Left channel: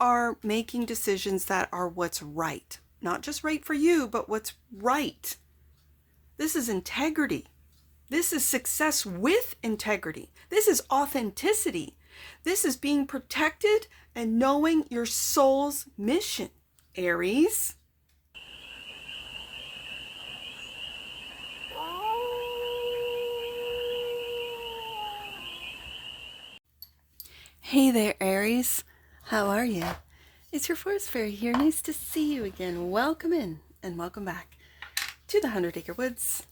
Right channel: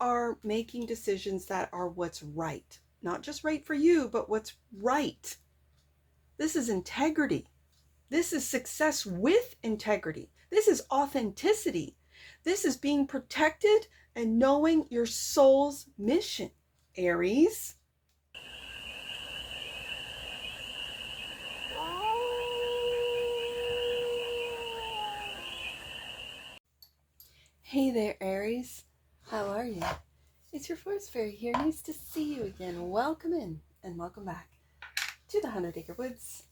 are making decisions that are what's right. Not just right for you, but what's right. This is integrity. This is success with integrity. This is authenticity. This is being protected and knowing your soul's mission, Aries. Hey there, Aries. How are you? It's your forest fairy here. Nice to see you again. Welcome in and welcome back to the 100 Acre Woods,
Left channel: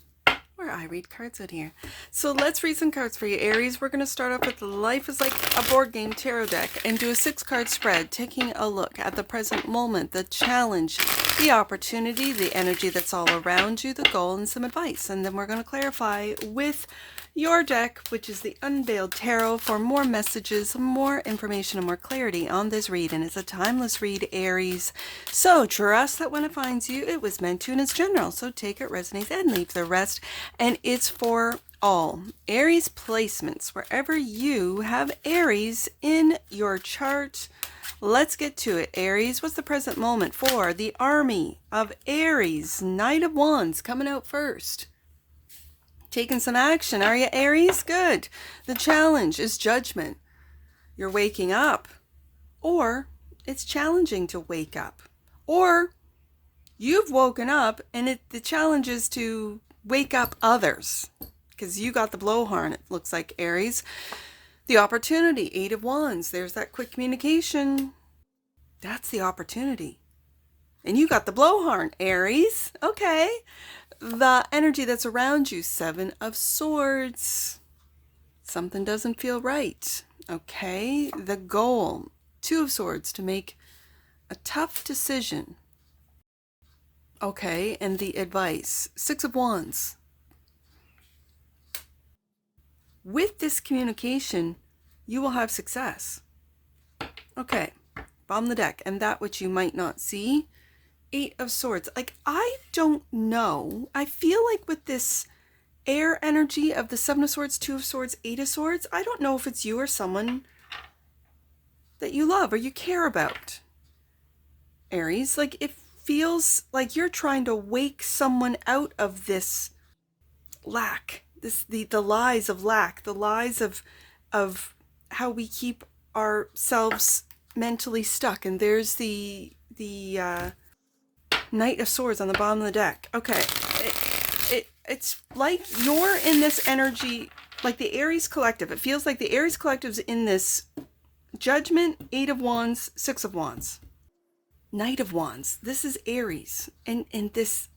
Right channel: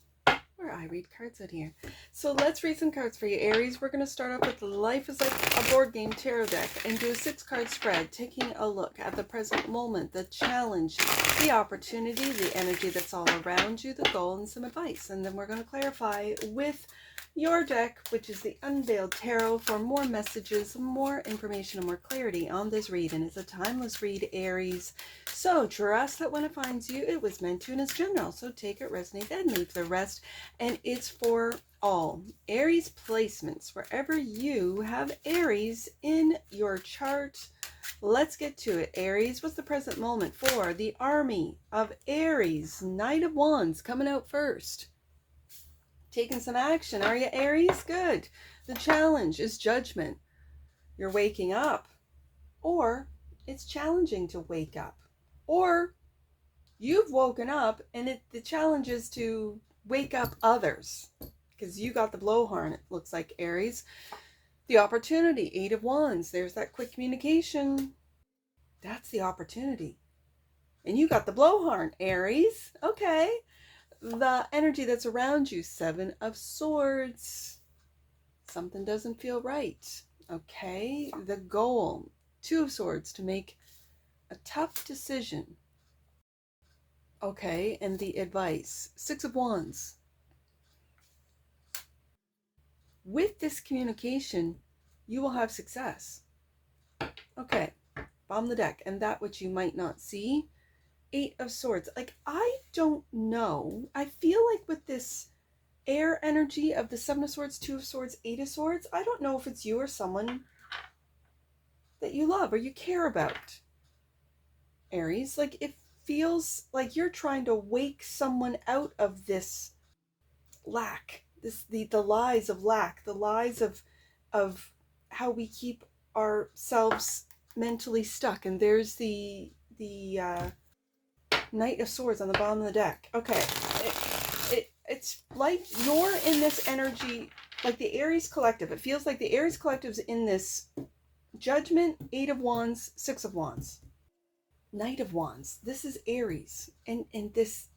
where I read cards out here. So let's read some cards for you, Aries. We're going to start off with the Life is Like a Board Game tarot deck and do a 6-card spread, taking a look at the present moment, the challenge, the opportunity, the energy that's all around you, the goal, and some advice. And then we're going to clarify with your deck, which is the Unveiled Tarot, for more messages, more information, and more clarity on this read. And it's a timeless read, Aries. So trust that when it finds you, it was meant to and it's general. So take it, resonate, and leave the rest. And it's for all. Aries placements, wherever you have Aries in your chart. Let's get to it, Aries. What's the present moment for the Army of Aries? Knight of Wands coming out first. Taking some action. Are you, Aries? Good. The challenge is judgment. You're waking up. Or it's challenging to wake up. Or you've woken up and the challenge is to wake up others. Because you got the blowhorn, it looks like, Aries. The opportunity, 8 of Wands. There's that quick communication. That's the opportunity. And you got the blowhorn, Aries. Okay. The energy that's around you, 7 of Swords. Something doesn't feel right. Okay. The goal, 2 of Swords, to make a tough decision. Okay. And the advice, 6 of Wands. With this communication, you will have success. Okay. Bomb the deck. And that which you might not see, 8 of Swords. Like, I don't know. I feel like with this air energy of the 7 of Swords, 2 of Swords, 8 of Swords, I don't know if it's you or someone that you love or you care about, Aries. Like, it feels like you're trying to wake someone out of this lack, the lies of lack, the lies of how we keep ourselves mentally stuck. And there's the Knight of Swords on the bottom of the deck. Okay. It's like you're in this energy, like the Aries Collective. It feels like the Aries Collective's in this judgment, 8 of Wands, 6 of Wands. Knight of Wands. This is Aries. And this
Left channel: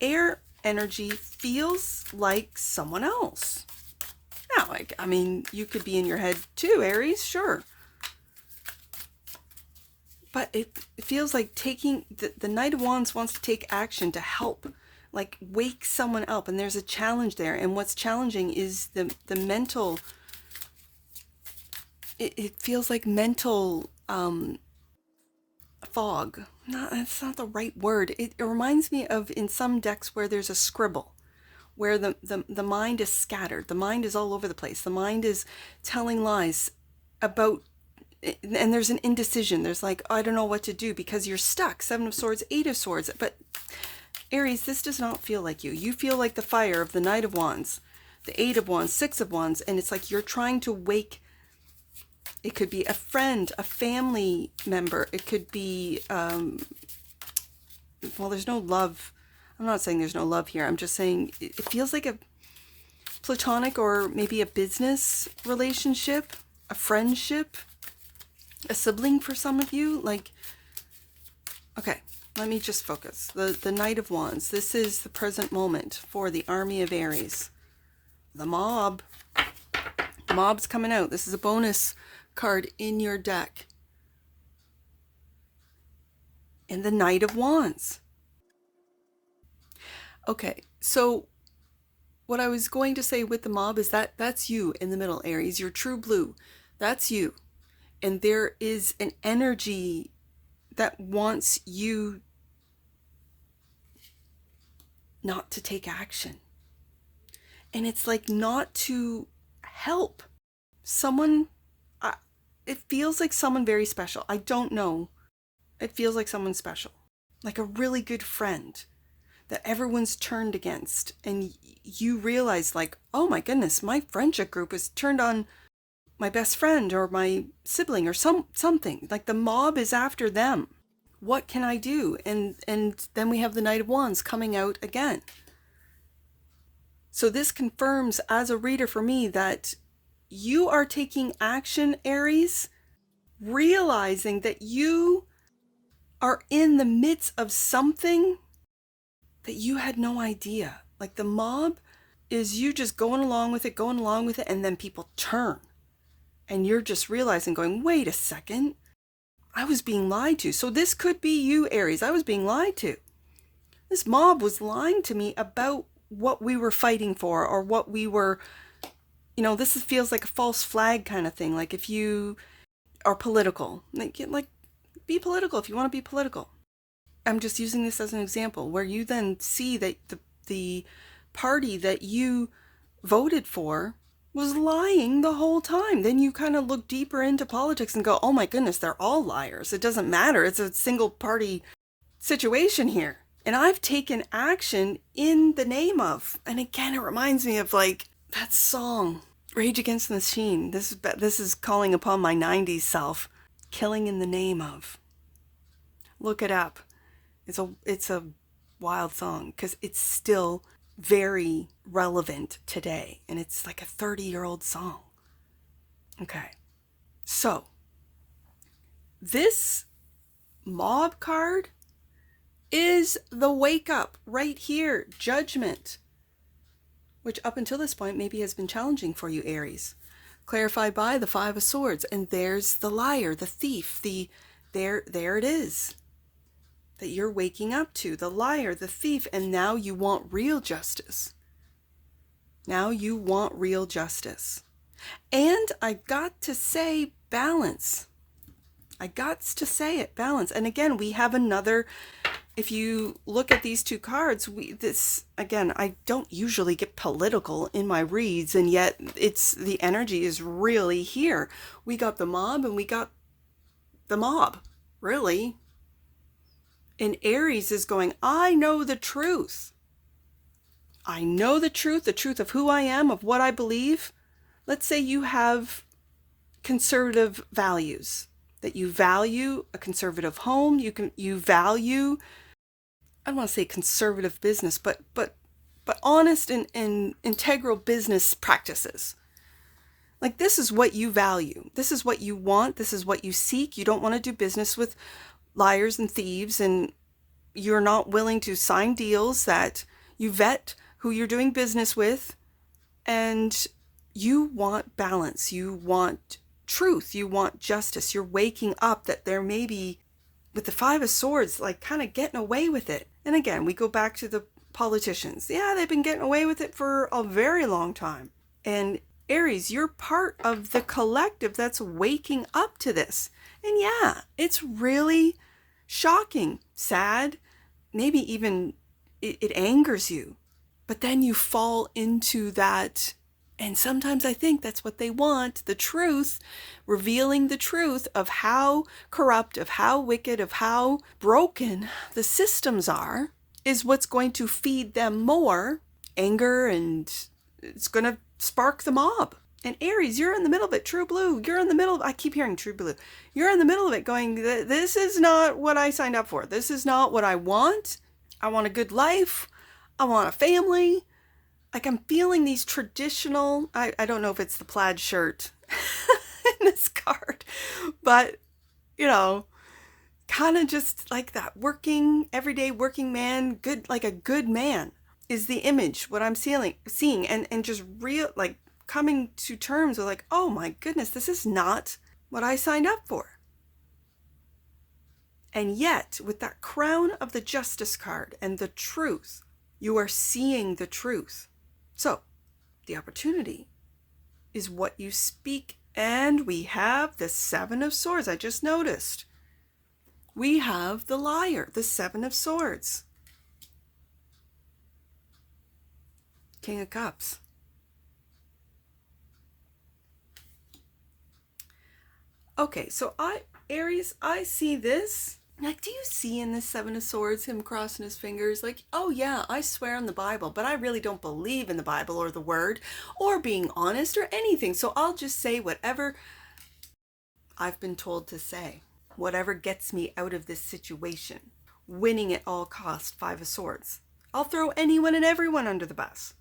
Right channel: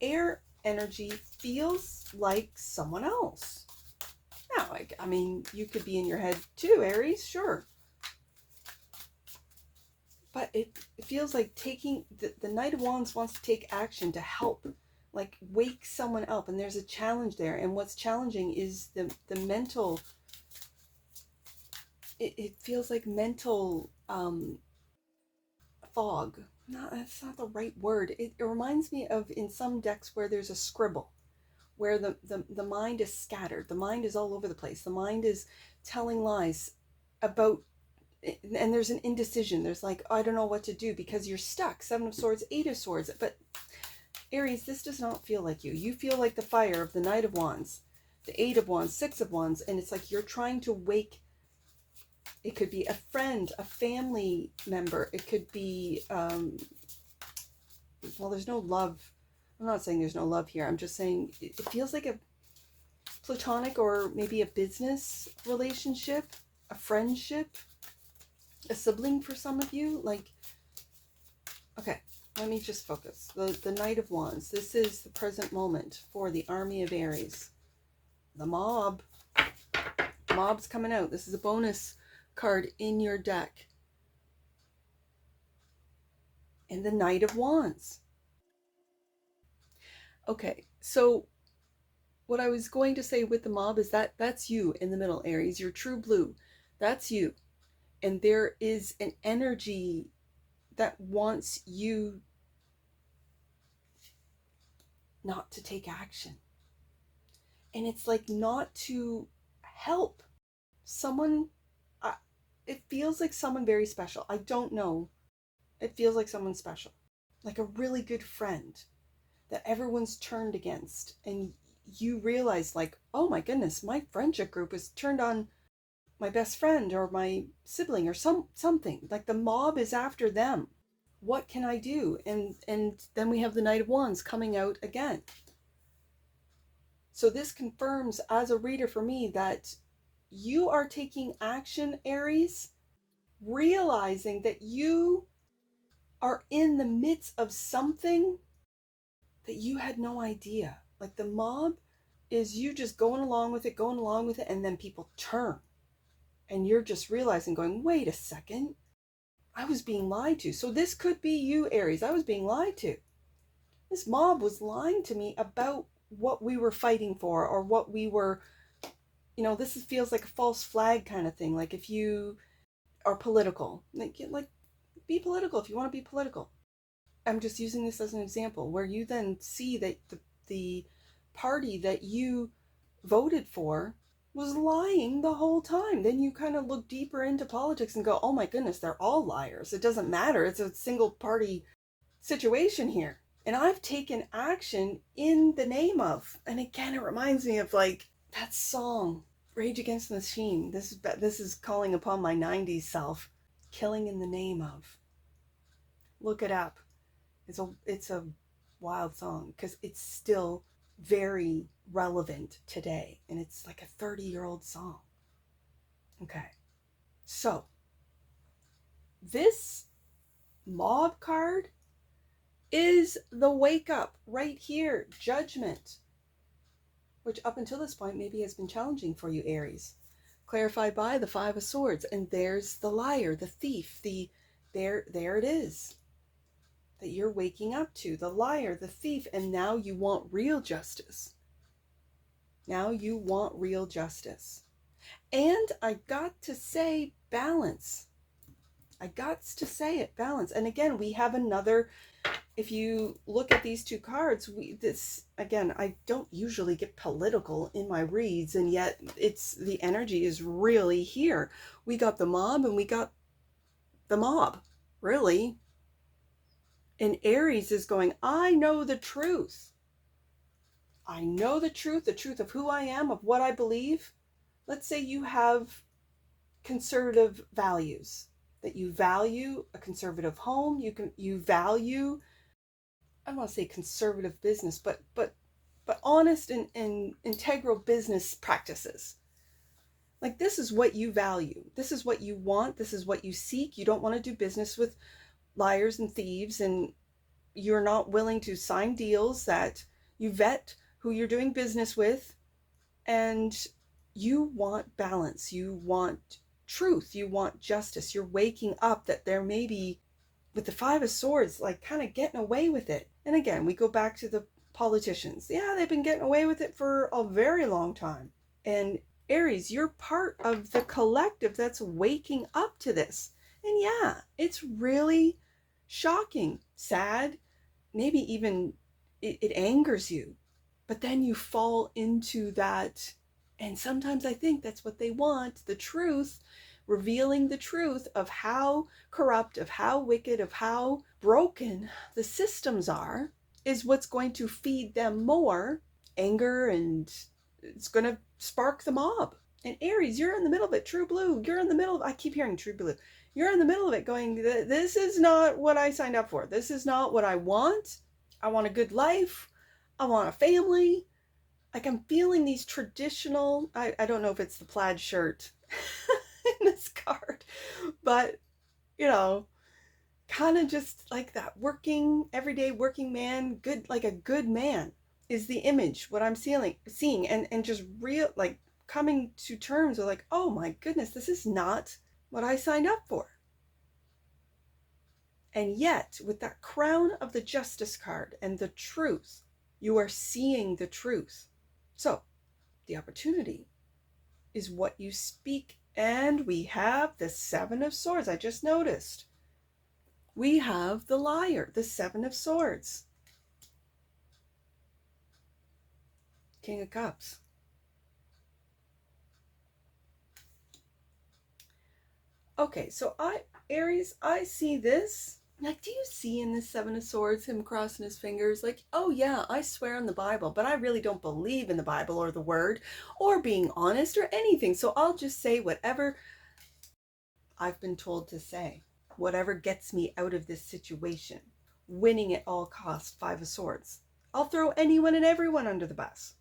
air energy feels like someone else. Now, I mean, you could be in your head too, Aries, sure. But it feels like taking, the Knight of Wands wants to take action to help, like wake someone up. And there's a challenge there. And what's challenging is the mental, it feels like mental fog. No, that's not the right word. It reminds me of in some decks where there's a scribble, where the mind is scattered. The mind is all over the place. The mind is telling lies about, and there's an indecision. There's like, oh, I don't know what to do because you're stuck. 7 of Swords, 8 of Swords. But Aries, this does not feel like you. You feel like the fire of the Knight of Wands, the 8 of Wands, 6 of Wands. And it's like you're trying to wake. It could be a friend, a family member. It could be, well, there's no love. I'm not saying there's no love here. I'm just saying it feels like a platonic or maybe a business relationship, a friendship, a sibling for some of you. Like, okay, let me just focus. The Knight of Wands. This is the present moment for the Army of Aries. The mob. The mob's coming out. This is a bonus card in your deck. And the Knight of Wands. Okay, so what I was going to say with the mob is that that's you in the middle, Aries. You're true blue. That's you. And there is an energy that wants you not to take action. And it's like not to help someone. it feels like someone very special. I don't know. It feels like someone special, like a really good friend that everyone's turned against. And you realize like, oh my goodness, my friendship group is turned on my best friend or my sibling or something. Like the mob is after them. What can I do? And then we have the Knight of Wands coming out again. So this confirms as a reader for me that you are taking action, Aries, realizing that you are in the midst of something that you had no idea. Like the mob is you just going along with it, and then people turn. And you're just realizing, going, wait a second, I was being lied to. So this could be you, Aries. I was being lied to. This mob was lying to me about what we were fighting for, or what we were, this feels like a false flag kind of thing. Like if you are political, like be political if you want to be political. I'm just using this as an example where you then see that the party that you voted for was lying the whole time. Then you kind of look deeper into politics and go, oh my goodness, they're all liars. It doesn't matter. It's a single party situation here. And I've taken action in the name of. And again, it reminds me of like that song, Rage Against the Machine. This is calling upon my 90s self. Killing in the name of. Look it up. It's a wild song because it's still very relevant today. And it's like a 30-year-old song. Okay. So this mob card is the wake up right here. Judgment. Which up until this point maybe has been challenging for you, Aries. Clarified by the Five of Swords. And there's the liar, the thief, there it is. That you're waking up to, the liar, the thief, and now you want real justice. Now you want real justice. And I got to say balance. I got to say it, balance. And again, we have another, if you look at these two cards, again, I don't usually get political in my reads, and yet the energy is really here. We got the mob and we got the mob, really. And Aries is going, I know the truth. I know the truth of who I am, of what I believe. Let's say you have conservative values, that you value a conservative home. You value, I don't want to say conservative business, but honest and integral business practices. Like this is what you value. This is what you want. This is what you seek. You don't want to do business with liars and thieves, and you're not willing to sign deals that you vet who you're doing business with, and you want balance, you want truth, you want justice. You're waking up that there may be, with the Five of Swords, like kind of getting away with it. And again, we go back to the politicians. Yeah, they've been getting away with it for a very long time. And Aries, you're part of the collective that's waking up to this. And yeah, it's really shocking, sad, maybe even it angers you. But then you fall into that. And sometimes I think that's what they want, the truth, revealing the truth of how corrupt, of how wicked, of how broken the systems are, is what's going to feed them more anger, and it's going to spark the mob. And Aries, you're in the middle of it, true blue. You're in the middle. I keep hearing true blue. You're in the middle of it going, this is not what I signed up for. This is not what I want. I want a good life. I want a family. Like I'm feeling these traditional, I don't know if it's the plaid shirt in this card, but kind of just like that everyday working man, good, like a good man is the image, what I'm seeing and just real, like coming to terms with like, oh my goodness, this is not what I signed up for. And yet with that crown of the Justice card and the truth, you are seeing the truth. So the opportunity is what you speak. And we have the Seven of Swords. I just noticed. We have the liar, the Seven of Swords. King of Cups. Okay, so Aries, I see this. Like, do you see in this Seven of Swords him crossing his fingers? Like, oh yeah, I swear on the Bible, but I really don't believe in the Bible or the word or being honest or anything. So I'll just say whatever I've been told to say, whatever gets me out of this situation. Winning at all costs, Five of Swords. I'll throw anyone and everyone under the bus.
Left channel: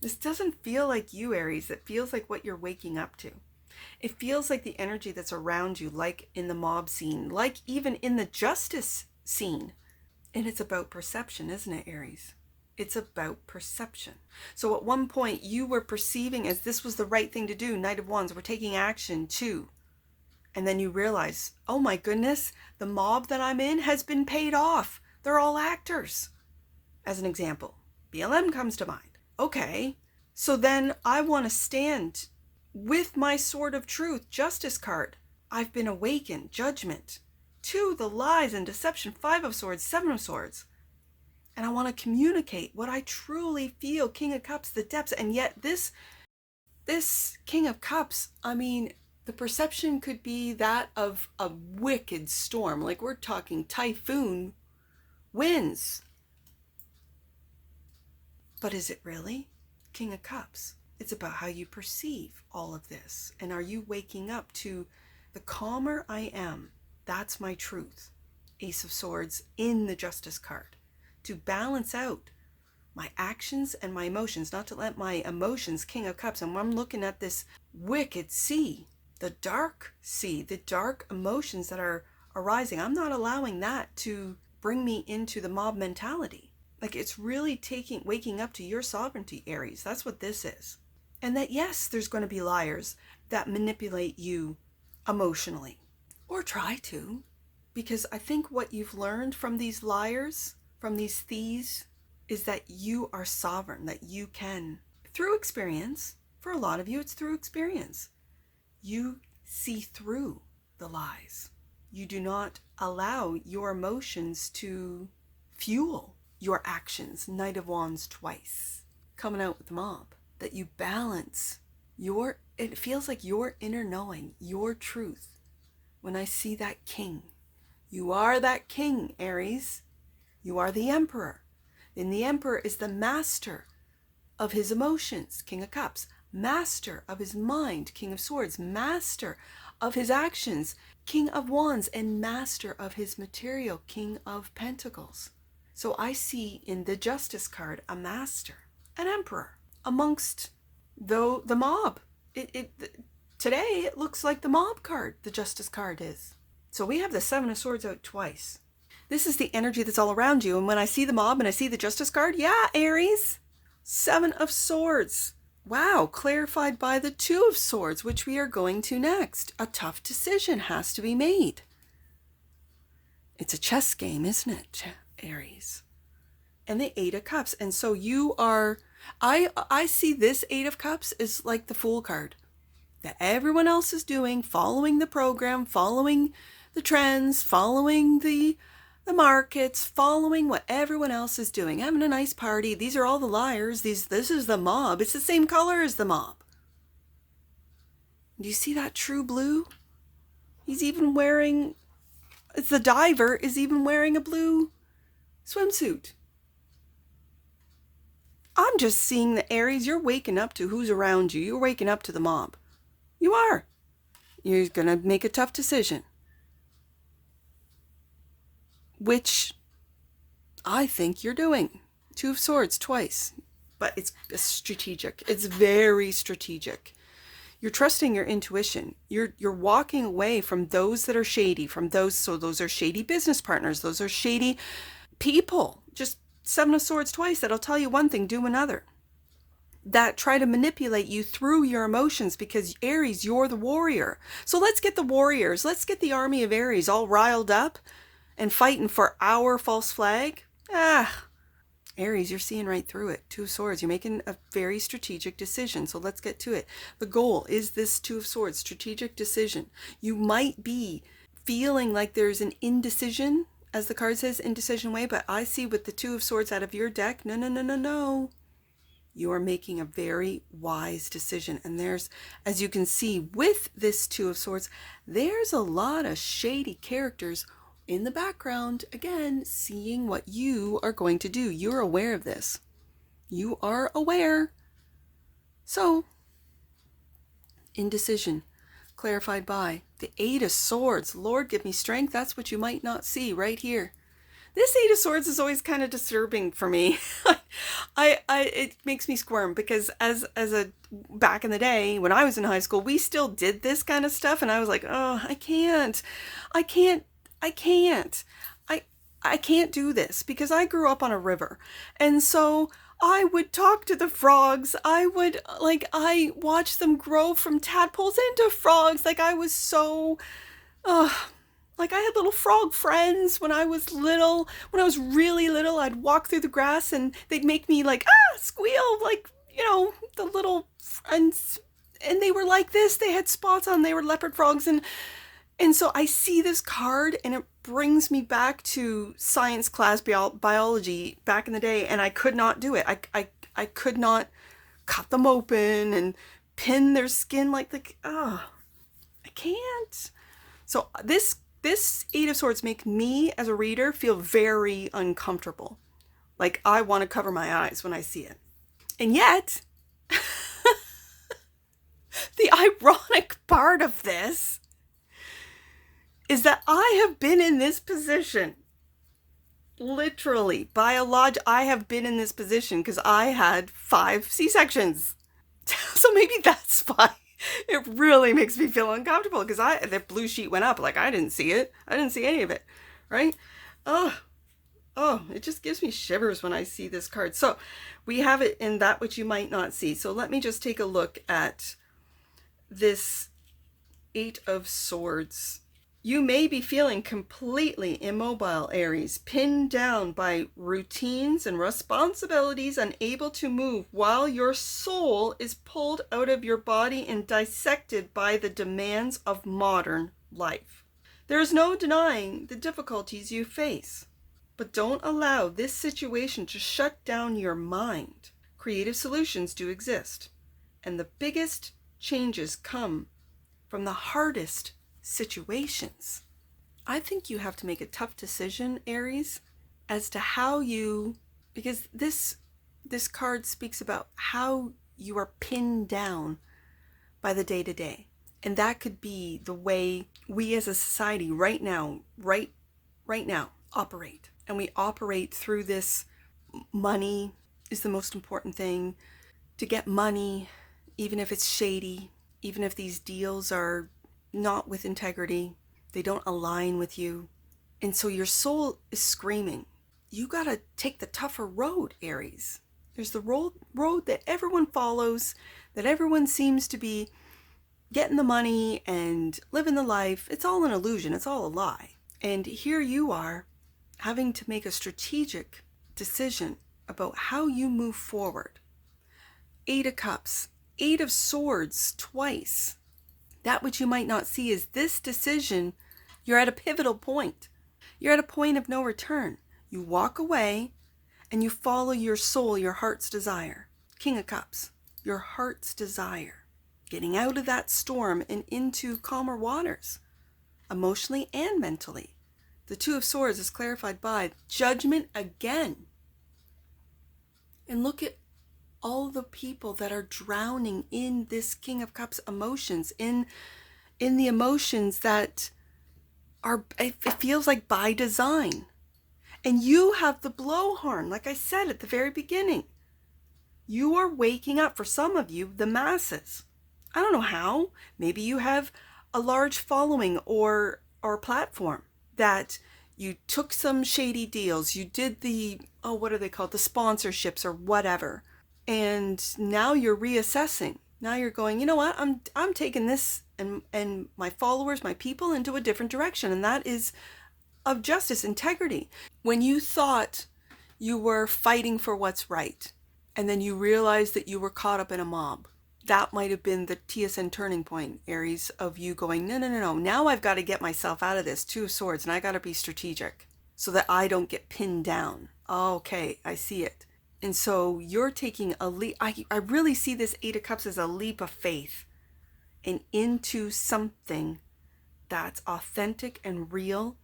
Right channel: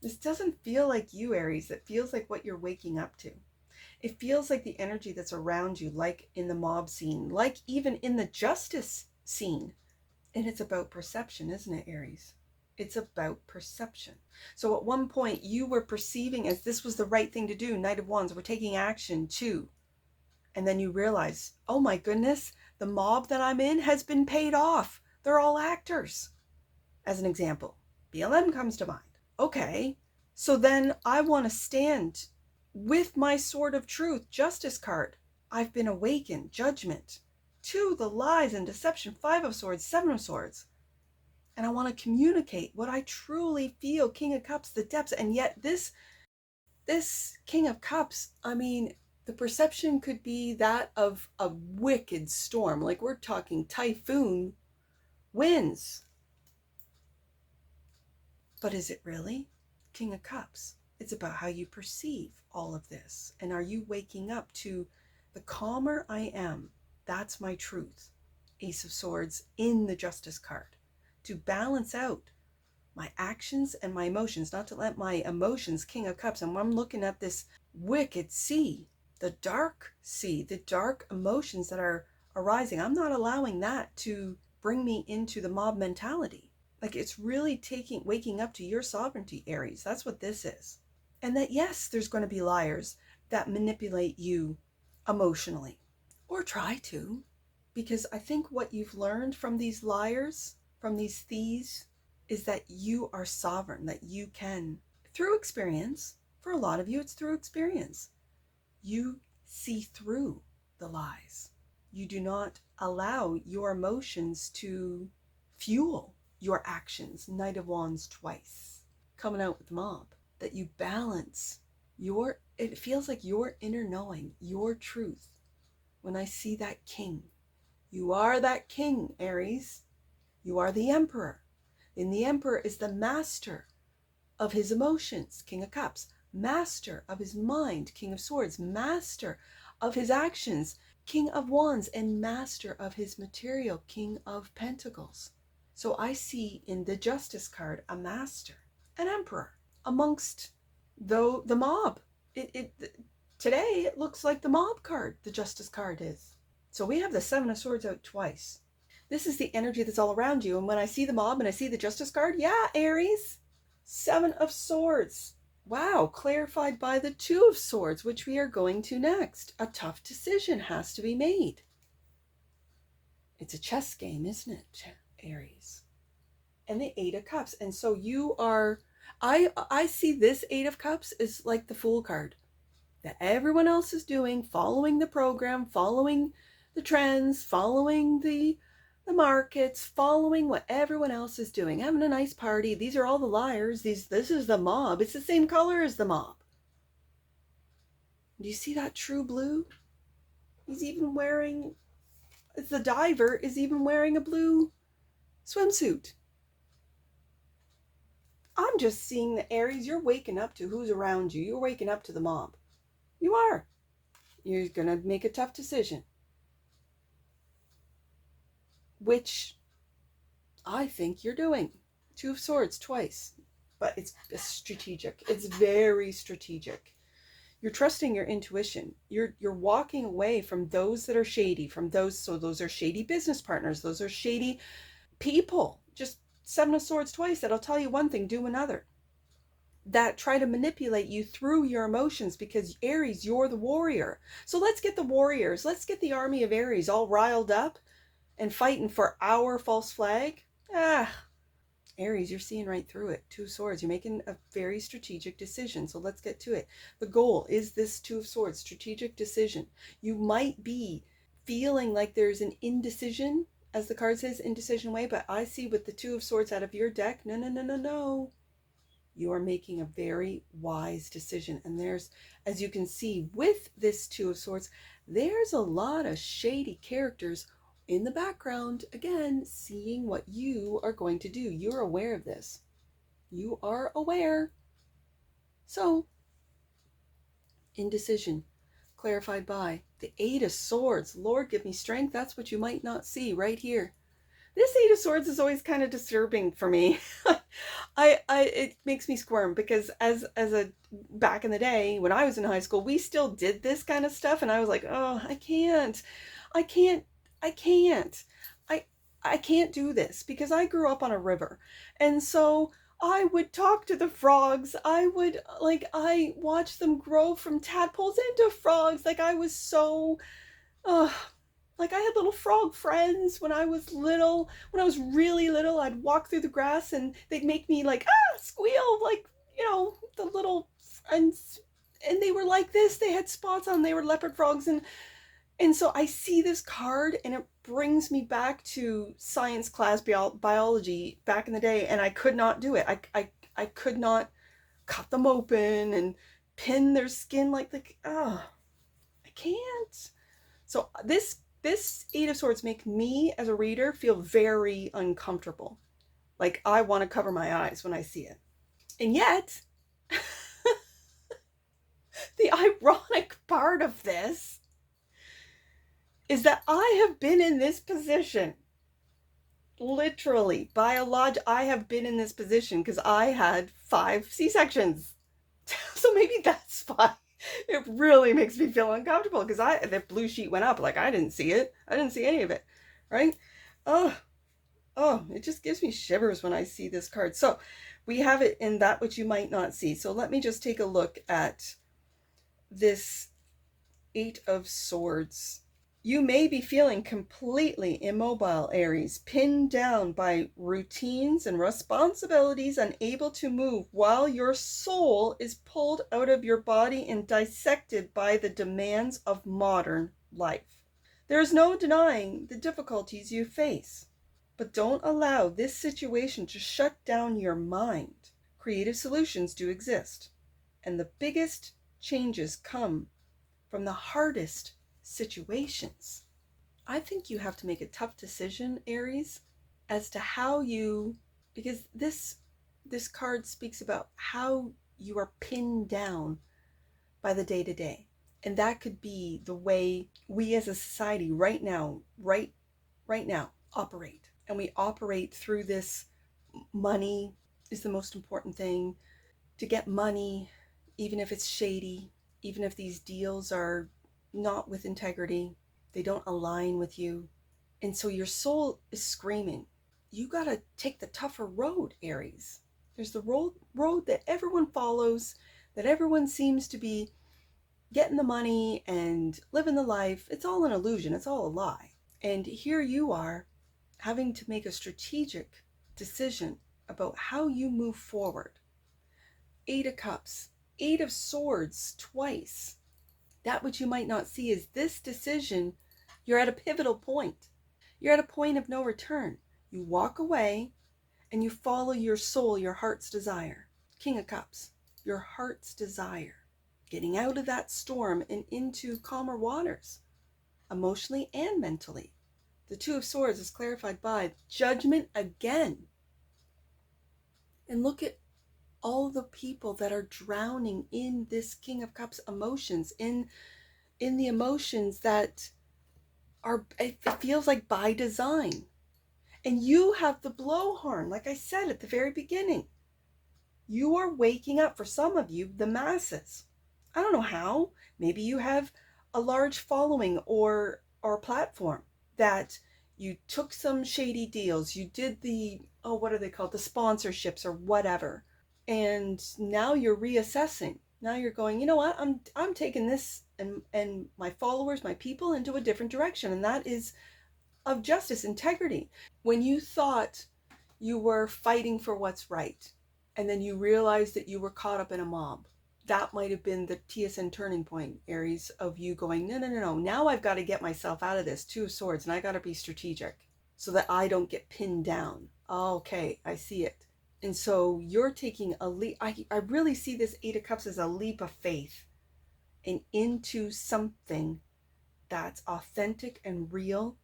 This doesn't feel like you, Aries. It feels like what you're waking up to. It feels like the energy that's around you, like in the mob scene, like even in the justice scene. And it's about perception, isn't it, Aries? It's about perception. So at one point you were perceiving as this was the right thing to do. Knight of Wands, we're taking action too. And then you realize, oh my goodness, the mob that I'm in has been paid off. They're all actors. As an example, BLM comes to mind. Okay, so then I want to stand with my sword of truth, justice card. I've been awakened, judgment, to the lies and deception, Five of Swords, Seven of Swords. And I want to communicate what I truly feel, King of Cups, the depths. And yet this King of Cups, I mean, the perception could be that of a wicked storm. Like we're talking typhoon winds. But is it really? King of Cups. It's about how you perceive all of this. And are you waking up to the calmer I am? That's my truth. Ace of Swords in the Justice card. To balance out my actions and my emotions, not to let my emotions, King of Cups, and when I'm looking at this wicked sea, the dark sea, the dark emotions that are arising, I'm not allowing that to bring me into the mob mentality. Like it's really waking up to your sovereignty, Aries. That's what this is. And that, yes, there's going to be liars that manipulate you emotionally, or try to, because I think what you've learned from these liars, from these thieves, is that you are sovereign, that you can, through experience, for a lot of you, it's through experience. You see through the lies. You do not allow your emotions to fuel your actions. Knight of Wands twice. Coming out with the mob. That you balance it feels like your inner knowing, your truth. When I see that king, you are that king, Aries. You are the emperor. And the emperor is the master of his emotions, King of Cups. Master of his mind, King of Swords. Master of his actions, King of Wands. And master of his material, King of Pentacles. So I see in the Justice card a master, an emperor, amongst the mob. Today it looks like the mob card, the Justice card is. So we have the Seven of Swords out twice. This is the energy that's all around you. And when I see the mob and I see the Justice card, yeah, Aries, Seven of Swords. Wow, clarified by the Two of Swords, which we are going to next. A tough decision has to be made. It's a chess game, isn't it, Aries? And the Eight of Cups. And so you are, I see this Eight of Cups is like the Fool card. That everyone else is doing, following the program, following the trends, following the markets, following what everyone else is doing, having a nice party. These are all the liars. This is the mob. It's the same color as the mob. Do you see that true blue? He's even wearing, it's the diver is even wearing a blue swimsuit. I'm just seeing the Aries, you're waking up to who's around you. You're waking up to the mob. You are. You're going to make a tough decision. Which I think you're doing. Two of Swords twice. But it's strategic. It's very strategic. You're trusting your intuition. You're walking away from those that are shady, so those are shady business partners. Those are shady people. Just Seven of Swords twice. That'll tell you one thing, do another. That try to manipulate you through your emotions, because Aries, you're the warrior. So let's get the warriors. Let's get the army of Aries all riled up and fighting for our false flag. Aries, you're seeing right through it. Two of Swords. You're making a very strategic decision. So let's get to it. The goal is this Two of Swords, strategic decision. You might be feeling like there's an indecision, as the card says, indecision way, but I see with the Two of Swords out of your deck, no. You are making a very wise decision. And there's, as you can see with this Two of Swords, there's a lot of shady characters in the background, again, seeing what you are going to do. You're aware of this. You are aware. So, indecision, clarified by the Eight of Swords. Lord, give me strength. That's what you might not see right here. This Eight of Swords is always kind of disturbing for me. It makes me squirm because as a back in the day when I was in high school, we still did this kind of stuff, and I was like, oh, I can't do this because I grew up on a river, and so I would talk to the frogs. I watched them grow from tadpoles into frogs. Like I was so, like I had little frog friends when I was little. When I was really little, I'd walk through the grass and they'd make me like, squeal, like, the little friends. And they were like this. They had spots on. They were leopard frogs. And so I see this card and it brings me back to science class biology back in the day, and I could not do it. I could not cut them open and pin their skin I can't. So this Eight of Swords make me as a reader feel very uncomfortable. Like I want to cover my eyes when I see it. And yet, the ironic part of this is that I have been in this position. Literally, I have been in this position because I had 5 C-sections. So maybe that's why it really makes me feel uncomfortable, because the blue sheet went up, like I didn't see it. I didn't see any of it, right? Oh, it just gives me shivers when I see this card. So we have it in that which you might not see. So let me just take a look at this Eight of Swords. You may be feeling completely immobile, Aries, pinned down by routines and responsibilities, unable to move, while your soul is pulled out of your body and dissected by the demands of modern life. There is no denying the difficulties you face, but don't allow this situation to shut down your mind. Creative solutions do exist, and the biggest changes come from the hardest situations. I think you have to make a tough decision, Aries, as to how because this card speaks about how you are pinned down by the day-to-day. And that could be the way we as a society right now operate. And we operate through this: money is the most important thing. To get money, even if it's shady, even if these deals are not with integrity, they don't align with you. And so your soul is screaming, you gotta take the tougher road, Aries. There's the road that everyone follows, that everyone seems to be getting the money and living the life. It's all an illusion, it's all a lie. And here you are having to make a strategic decision about how you move forward. Eight of Cups, Eight of Swords twice. That which you might not see is this decision. You're at a pivotal point. You're at a point of no return. You walk away and you follow your soul, your heart's desire. King of Cups, your heart's desire. Getting out of that storm and into calmer waters, emotionally and mentally. The Two of Swords is clarified by Judgment again. And look at all the people that are drowning in this King of Cups emotions, in the emotions that are, it feels like by design. And you have the blowhorn, like I said at the very beginning. You are waking up, for some of you, the masses. I don't know how. Maybe you have a large following or platform that you took some shady deals. You did the, what are they called? The sponsorships or whatever. And now you're reassessing. Now you're going, you know what? I'm taking this and my followers, my people, into a different direction. And that is of justice, integrity. When you thought you were fighting for what's right, and then you realized that you were caught up in a mob, that might have been the TSN turning point, Aries, of you going, no. Now I've got to get myself out of this Two of Swords, and I got to be strategic so that I don't get pinned down. Okay, I see it. And so you're taking a leap. I really see this Eight of Cups as a leap of faith and into something that's authentic and real,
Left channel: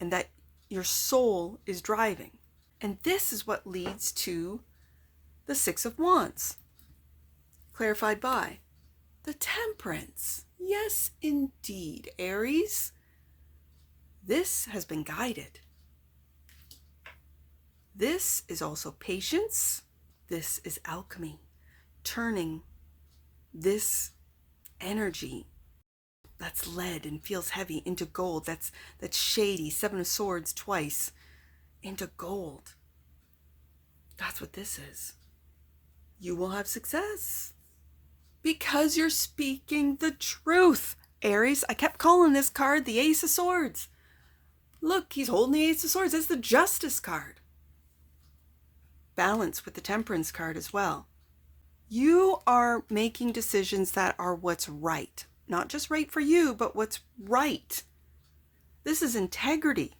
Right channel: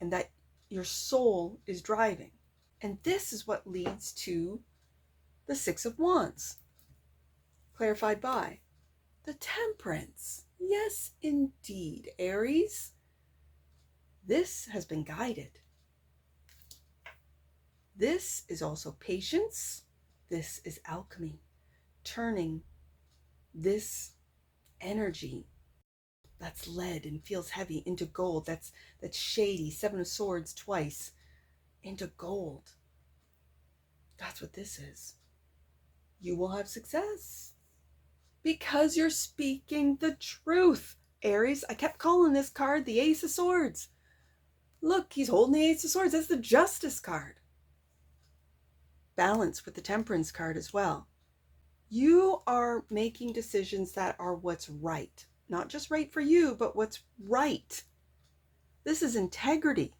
and that your soul is driving. And this is what leads to the Six of Wands, clarified by the Temperance. Yes, indeed, Aries. This has been guided. This is also patience. This is alchemy, turning this energy that's lead and feels heavy into gold, that's shady, Seven of Swords twice, into gold. That's what this is. You will have success because you're speaking the truth, Aries. I kept calling this card the Ace of Swords. Look, he's holding the Ace of Swords. That's the Justice card. Balance with the Temperance card as well. You are making decisions that are what's right. Not just right for you, but what's right. This is integrity.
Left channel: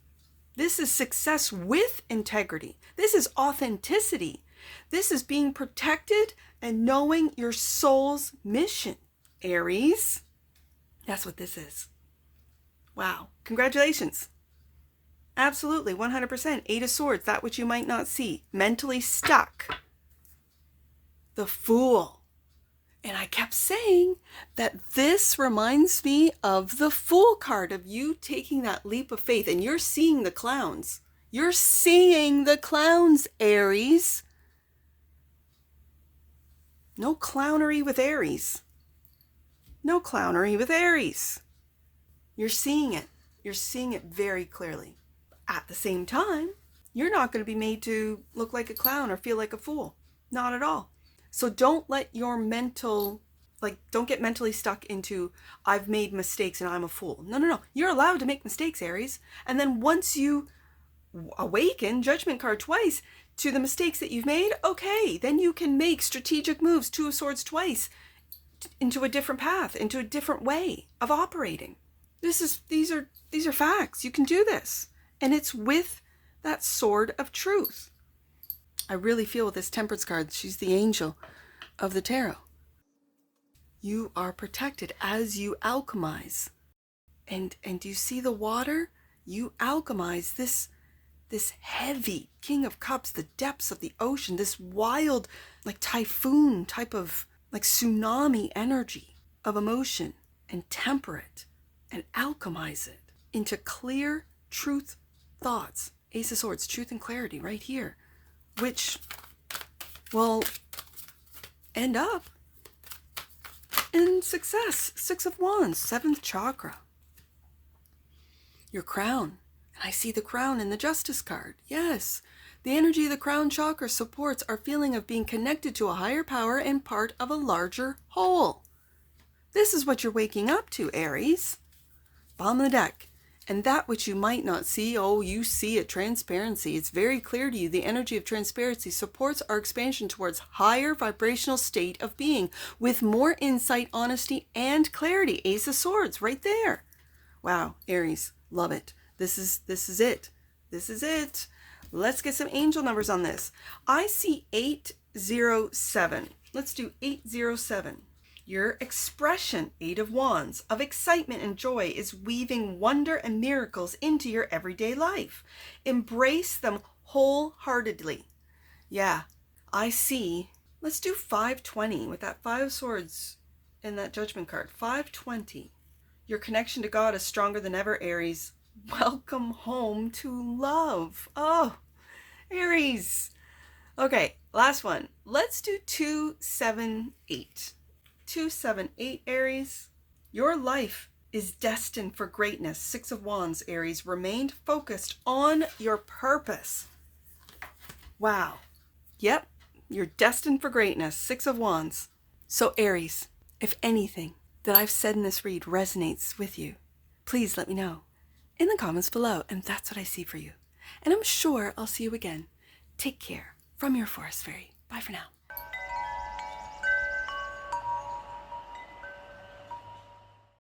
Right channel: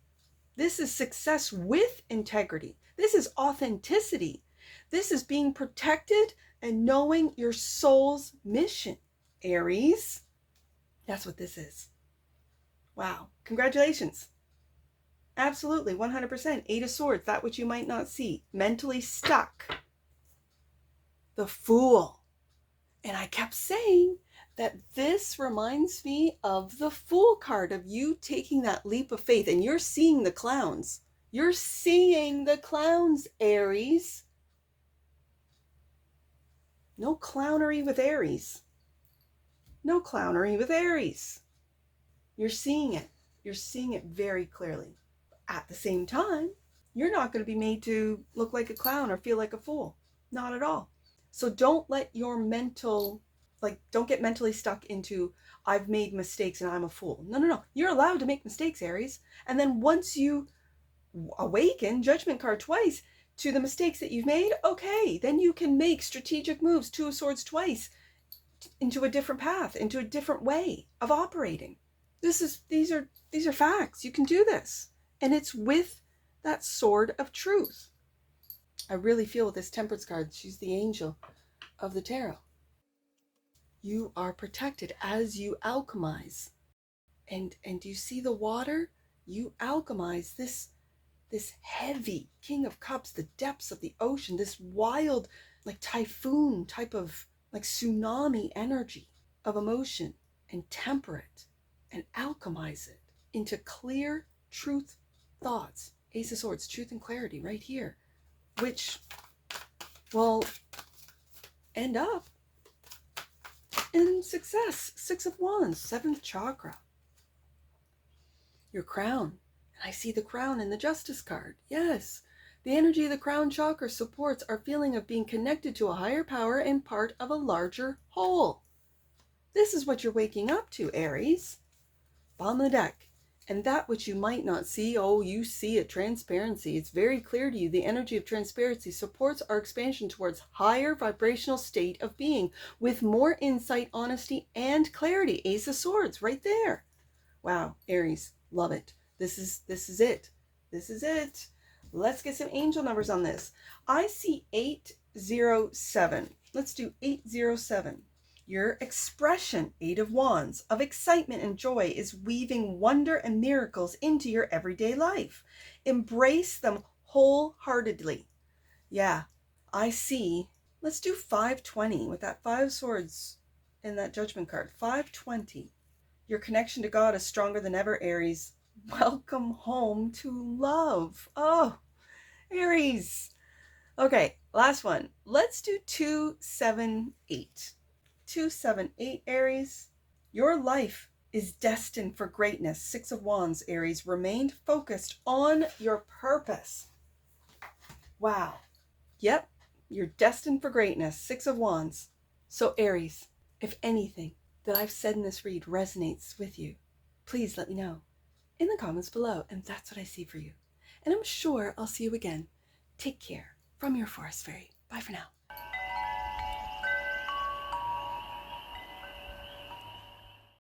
This is success with integrity. This is authenticity. This is being protected and knowing your soul's mission, Aries. That's what this is. Wow. Congratulations. Absolutely, 100%. Eight of Swords, that which you might not see. Mentally stuck. The Fool. And I kept saying that this reminds me of the Fool card, of you taking that leap of faith, and you're seeing the clowns. You're seeing the clowns, Aries. No clownery with Aries. No clownery with Aries. You're seeing it. You're seeing it very clearly. At the same time, you're not going to be made to look like a clown or feel like a fool. Not at all. So don't let your don't get mentally stuck into, I've made mistakes and I'm a fool. No. You're allowed to make mistakes, Aries. And then once you awaken, Judgment card twice, to the mistakes that you've made, okay, then you can make strategic moves, Two of Swords twice, into a different path, into a different way of operating. These are facts. You can do this. And it's with that sword of truth. I really feel with this Temperance card, she's the angel of the tarot. You are protected as you alchemize. And you see the water? You alchemize this heavy King of Cups, the depths of the ocean, this wild, like typhoon type of, like tsunami energy of emotion, and temper it and alchemize it into clear truth thoughts. Ace of Swords, truth and clarity right here, which will end up in success. Six of Wands, seventh chakra. Your crown. And I see the crown in the Justice card. Yes, the energy of the crown chakra supports our feeling of being connected to a higher power and part of a larger whole. This is what you're waking up to, Aries. Bottom of the deck. And that which you might not see, oh, you see it, transparency. It's very clear to you. The energy of transparency supports our expansion towards higher vibrational state of being with more insight, honesty, and clarity. Ace of Swords right there. Wow, Aries, love it. This is it. This is it. Let's get some angel numbers on this. I see 807. Let's do 807. Your expression, Eight of Wands, of excitement and joy is weaving wonder and miracles into your everyday life. Embrace them wholeheartedly. Yeah, I see. Let's do 520 with that Five of Swords in that Judgment card. 520. Your connection to God is stronger than ever, Aries. Welcome home to love. Oh, Aries. Okay, last one. Let's do 278. 278, Aries. Your life is destined for greatness. Six of Wands, Aries. Remain focused on your purpose. Wow. Yep, you're destined for greatness. Six of Wands. So, Aries, if anything that I've said in this read resonates with you, please let me know in the comments below. And that's what I see for you. And I'm sure I'll see you again. Take care from your Forest Fairy. Bye for now.